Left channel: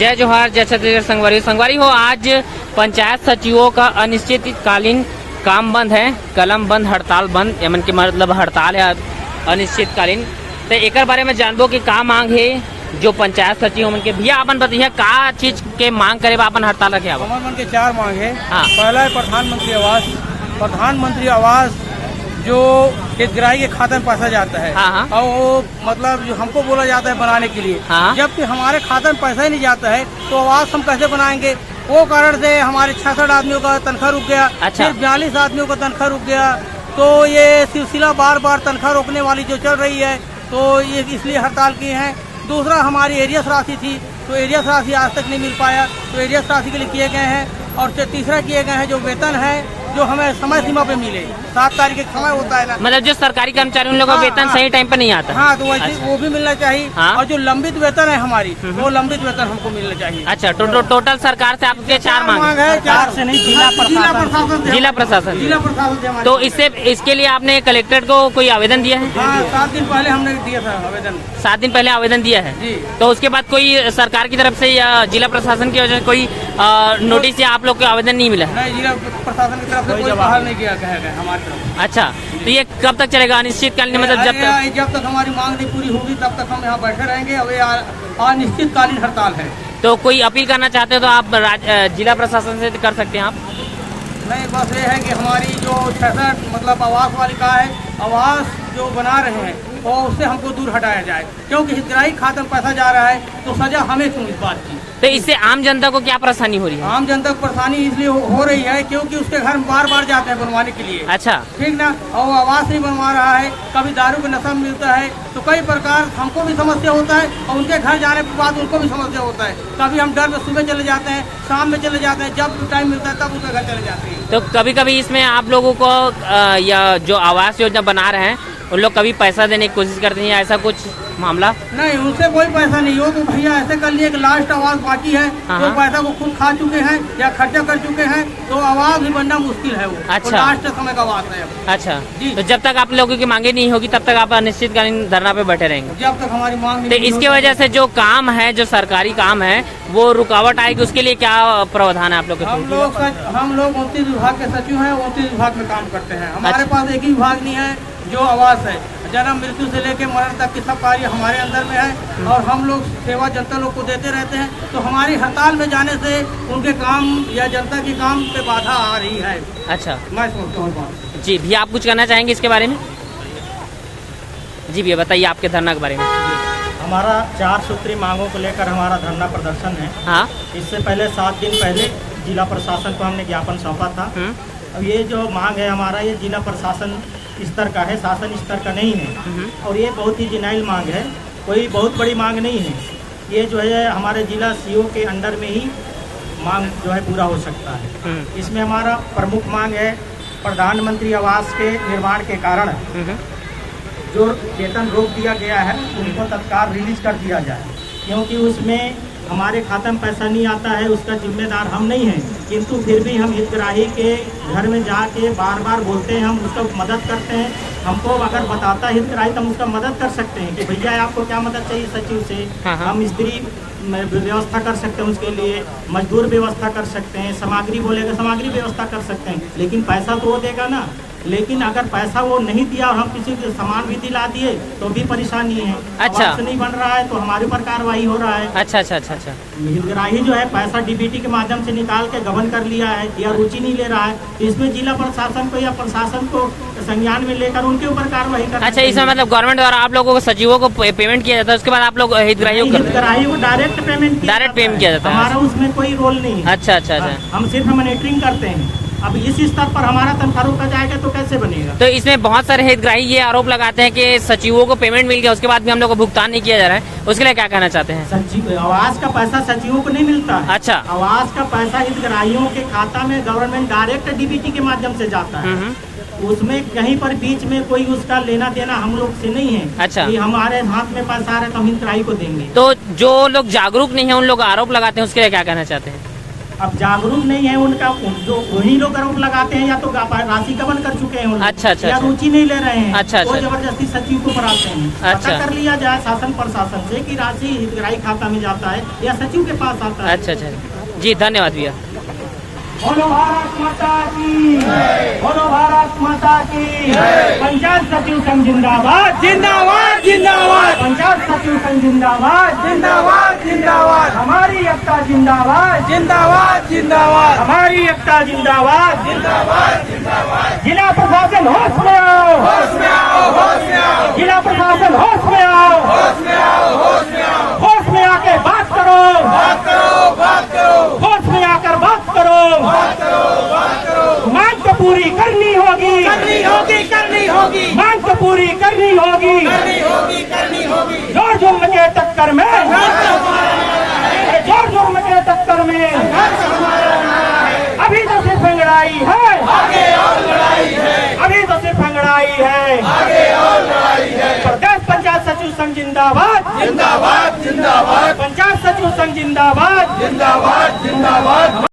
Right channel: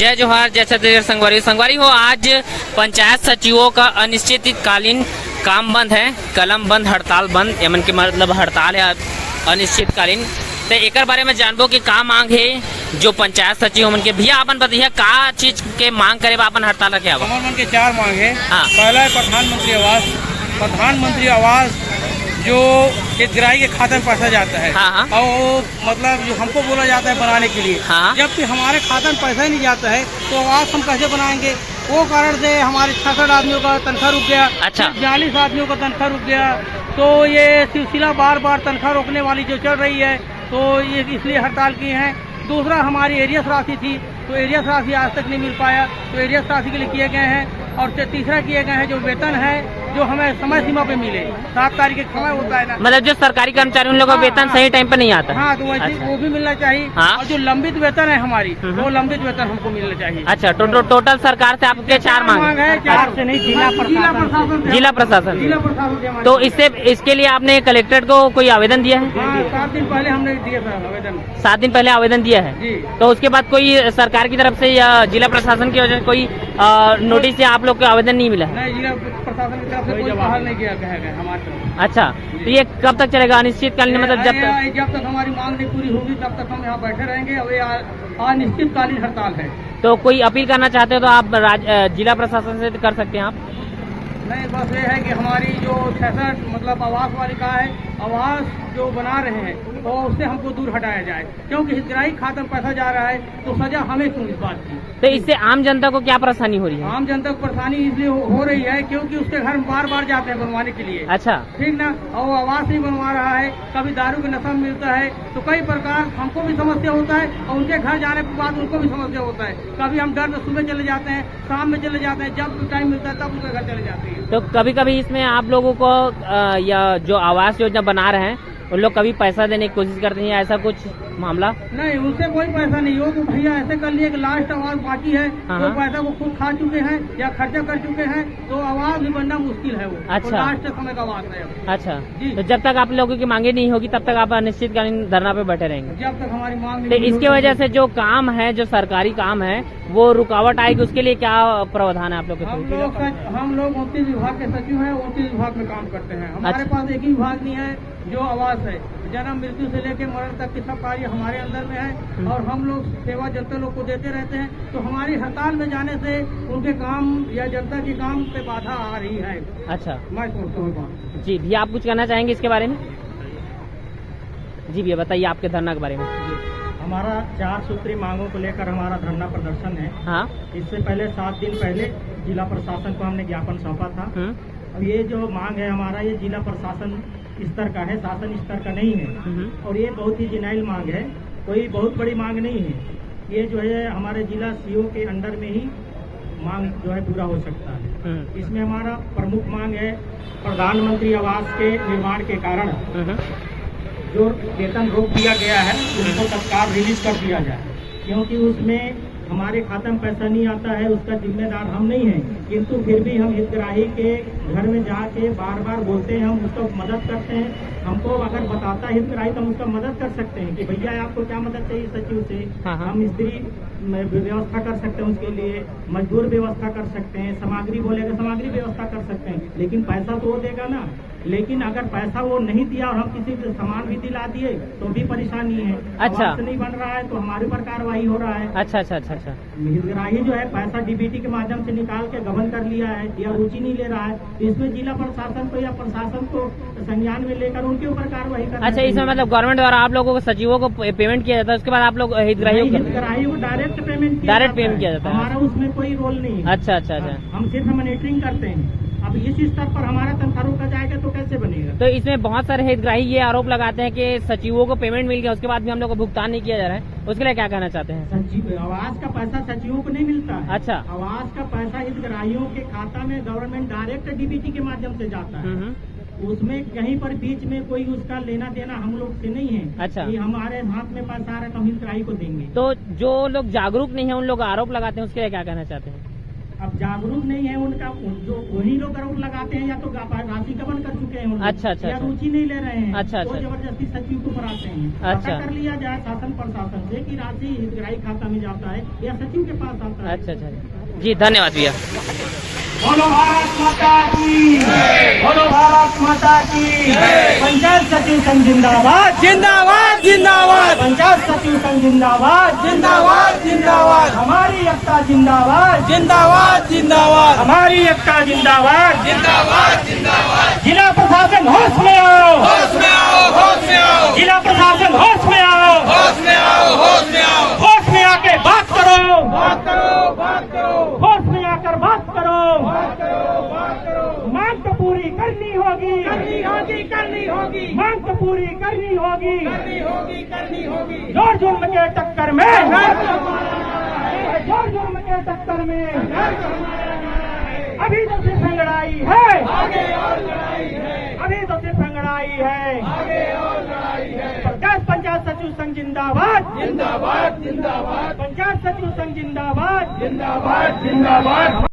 जय जोहार, जय छत्तीसगढ़। संगवारी हो, आज पंचायत सचिवों का अनिश्चितकालीन काम बंद है, कलम बंद, हड़ताल बंद, यमन के मतलब हड़ताल है अनिश्चितकालीन। तो एक बारे में जानबो कि का मांग है जो पंचायत सचिव मन के। भैया अपन बताइए का चीज के मांग करे अपन हड़ताल रखे? हमारे मन के 4 मांग है। हाँ। पहला है प्रधानमंत्री आवास जो हितग्राही के खाते में पैसा जाता है। हाँ। और वो मतलब जो हमको बोला जाता है बनाने के लिए। हाँ। जबकि हमारे खाते में पैसा ही नहीं जाता है तो आवास हम कैसे बनाएंगे? वो कारण से हमारे 66 आदमियों का तनख्वाह रुक गया। अच्छा। 42 आदमियों का तनख्वाह रुक गया। तो ये सिलसिला बार तनख्वाह रोकने वाली जो चल रही है तो ये इसलिए हड़ताल की है। दूसरा हमारी एरियस राशि थी तो एरियस राशि आज तक नहीं मिल पाया, तो एरियस राशि के लिए किए गए हैं। और तीसरा किए गए हैं जो वेतन है जो हमें समय सीमा पे मिले, 7 तारीख का समय होता है ना, मतलब जो सरकारी कर्मचारी उन लोगों का वेतन सही टाइम पे नहीं आता। हाँ, तो वैसे अच्छा। वो भी मिलना चाहिए। हाँ। और जो लंबित वेतन है हमारी वो लंबित वेतन हमको मिलना चाहिए। अच्छा, टोटल सरकार से आपके 4 मांग है। 4 से नहीं, जिला प्रशासन जिला प्रशासन से हमारी। तो इसके लिए आपने कलेक्टर को कोई आवेदन दिया है? हाँ, 7 दिन पहले हमने दिया था आवेदन। 7 दिन पहले आवेदन दिया है जी। तो उसके बाद कोई सरकार की तरफ से या जिला प्रशासन की वजह से कोई नोटिस या आप लोग को आवेदन नहीं मिला? नहीं, जिला प्रशासन की तरफ से कोई बहाल नहीं किया गया हमारी तरफ। अच्छा, तो ये कब तक चलेगा अनिश्चितकालीन? मतलब जब तक हमारी मांग नहीं पूरी होगी तब तक हम यहाँ बैठे रहेंगे। अब ये अनिश्चितकालीन हड़ताल है। तो कोई अपील करना चाहते हो तो आप जिला प्रशासन से कर सकते हैं आप? नहीं, बस ये है कि हमारी जो 66 मतलब आवास वालिका है, आवास जो बना रहे हैं और उससे हमको दूर हटाया जाए, क्योंकि हितग्राही खाते में पैसा जा रहा है तो सजा हमें क्यों इस बात की? तो इससे आम जनता को क्या परेशानी हो रही है? आम जनता को परेशानी इसलिए हो रही है क्योंकि उसके घर में बार जाते हैं बनवाने के लिए। अच्छा, ठीक ना, और आवास नहीं बनवा रहा है, कभी दारू का नशा मिलता है, तो कई प्रकार हमको भी समस्या होता है और उनके घर जाने के बाद उनको भी समस्या होता है। कभी हम डर में सुबह चले जाते हैं, शाम में चले जाते हैं, जब टाइम मिलता है तब उनके घर चले जाते हैं। तो कभी इसमें आप लोगों को या जो आवास योजना बना रहे हैं उन लोग कभी पैसा देने की कोशिश करते हैं, ऐसा कुछ मामला? नहीं, उनसे कोई पैसा नहीं हो तो भैया ऐसे कर लिए कि लास्ट आवाज बाकी है तो पैसा को खुद खा चुके हैं या खर्चा कर चुके हैं तो आवाज भी बनना मुश्किल है। वो अच्छा। लास्ट समय का आवाज है। अच्छा जी। तो जब तक आप लोगों की मांगे नहीं होगी तब तक आप अनिश्चितकालीन धरना पे बैठे रहेंगे? जब तक हमारी मांग तो नहीं इसके वजह से जो काम है, जो सरकारी काम है, वो रुकावट आएगी, उसके लिए क्या प्रावधान है आप लोग के? हम लोग 29 विभाग के सचिव हैं, 29 विभाग में काम करते हैं। हमारे पास एक ही विभाग नहीं है जो आवास है। जन्म मृत्यु से लेकर मरण तक के सब कार्य हमारे अंदर में है और हम लोग सेवा जनता लोग को देते रहते हैं। तो हमारी हड़ताल में जाने से उनके काम या जनता के काम पे बाधा आ रही है। अच्छा, मैं सोचता हूँ। जी भैया, आप कुछ कहना चाहेंगे इसके बारे में? जी भैया, बताइए आपके धरना के बारे में। हमारा 4 सूत्री मांगों को लेकर हमारा धरना प्रदर्शन है। हाँ। इससे पहले 7 दिन पहले जिला प्रशासन को हमने ज्ञापन सौंपा था। अब ये जो मांग है हमारा, ये जिला प्रशासन स्तर का है, शासन स्तर का नहीं है। और ये बहुत ही जिनाइल मांग है, कोई बहुत बड़ी मांग नहीं है। ये जो है हमारे जिला सीओ के अंडर में ही मांग जो है पूरा हो सकता है। इसमें हमारा प्रमुख मांग है प्रधानमंत्री आवास के निर्माण के कारण जो वेतन रोक दिया गया है उसको तत्काल रिलीज कर दिया जाए, क्योंकि उसमें हमारे खाते में पैसा नहीं आता है, उसका जिम्मेदार हम नहीं हैं। किंतु फिर भी हम हितग्राही के घर में जाके बार बोलते हैं, हम उसका मदद करते हैं। हमको अगर बताता है हितग्राही तो हम उसका मदद कर सकते हैं कि भैया आपको क्या मदद चाहिए सचिव से। हम स्त्री व्यवस्था कर सकते हैं, उसके लिए मजदूर व्यवस्था कर सकते हैं, सामग्री बोलेगा सामग्री व्यवस्था कर सकते हैं, लेकिन पैसा तो वो देगा ना। लेकिन अगर पैसा वो नहीं दिया और हम किसी को सामान भी दिला दिए तो भी परेशानी है। अच्छा। आवास नहीं बन रहा है तो हमारे ऊपर कार्रवाई हो रहा है। अच्छा। हितग्राही जो है पैसा डीबीटी के माध्यम से निकाल के गबन कर लिया है या रुचि नहीं ले रहा है, इसमें जिला प्रशासन को या प्रशासन को संज्ञान में लेकर उनके ऊपर कार्रवाई करना। अच्छा, इसमें मतलब गवर्नमेंट द्वारा आप लोगों को सचिवों को पेमेंट किया जाता है, उसके बाद आप लोग हितग्राहियों को डायरेक्ट पेमेंट किया जाता है। हमारा उसमें कोई रोल नहीं है। अच्छा। हम सिर्फ मॉनिटरिंग करते हैं। अब इस स्तर पर हमारा तनख्वाह रोका जाएगा तो कैसे बनेगा? तो इसमें बहुत सारे हितग्राही ये आरोप लगाते हैं कि सचिवों को पेमेंट मिल गया, उसके बाद भी हम लोग को भुगतान नहीं किया जा रहा है, उसके लिए क्या कहना चाहते हैं? सचिव आवास का पैसा सचिवों को नहीं मिलता है। अच्छा। आवास का पैसा हितग्राहियों के खाता में गवर्नमेंट डायरेक्ट डीबीटी के माध्यम से जाता है। उसमें कहीं पर बीच में कोई उसका लेना देना हम लोग से नहीं है। अच्छा। कि हमारे हाथ में पैसा आ रहा है तो हम हितग्राही को देंगे। तो जो लोग जागरूक नहीं है उन लोग आरोप लगाते हैं, उसके लिए क्या कहना चाहते हैं? अब जागरूक नहीं है उनका, जो वही लोग आरोप लगाते हैं या तो राशि गबन कर चुके हैं उन लोग, अच्छा, अच्छा, या अच्छा। रुचि नहीं ले रहे हैं, अच्छा, वो अच्छा। जबरदस्ती सचिव को पढ़ाते हैं। अच्छा। पता कर लिया जाए शासन प्रशासन से कि राशि हितग्राही खाता में जाता है या सचिव के पास आता है। अच्छा अच्छा जी, धन्यवाद भैया। बोलो भारत माता की, बोलो भारत माता की। पंचायत सचिव संघ जिंदाबाद, जिंदाबाद जिंदाबाद। पंचायत सचिव संघ जिंदाबाद, जिंदाबाद जिंदाबाद। हमारी एकता जिंदाबाद, जिंदाबाद जिंदाबाद। हमारी एकता जिंदाबाद, जिंदाबाद जिंदाबाद। जिला प्रशासन होश में आओ, होश में आओ, होश में आओ। जिला प्रशासन होश में आओ, होश में आओ, होश में आओ। होश में आके बात करो, बात करो, बात करो। होश में आकर बात करो, मांग तो पूरी करनी होगी, करनी होगी, करनी होगी। मांग तो पूरी करनी होगी, करनी होगी, करनी होगी। जोर जुर्म के टक्कर में, जोर जुर्म के टक्कर में अभी तो सिर्फ लड़ाई है, आगे और लड़ाई है। अभी तो सिर्फ लड़ाई है, आगे और लड़ाई है। प्रदेश पंचायत सचिव संघ जिंदाबाद, जिंदाबाद जिंदाबाद। पंचायत सचिव संघ जिंदाबाद, जिंदाबाद जिंदाबाद।